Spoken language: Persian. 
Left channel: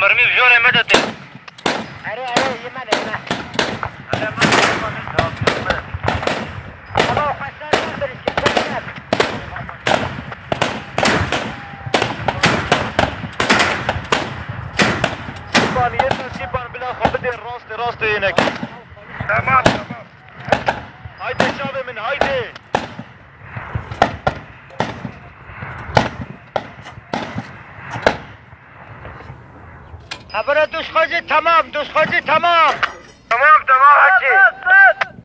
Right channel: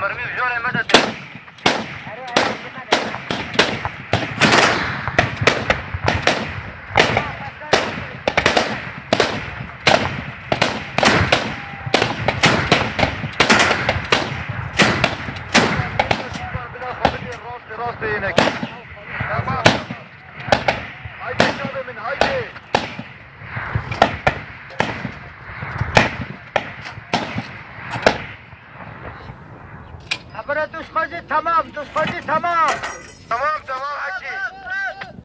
مرمي بجورة مدتي أري يمنى راستي هناك تمام هايدي شغله من هايدي خبره دوش خوزی تمام دوش خوزی تمام تمام حكي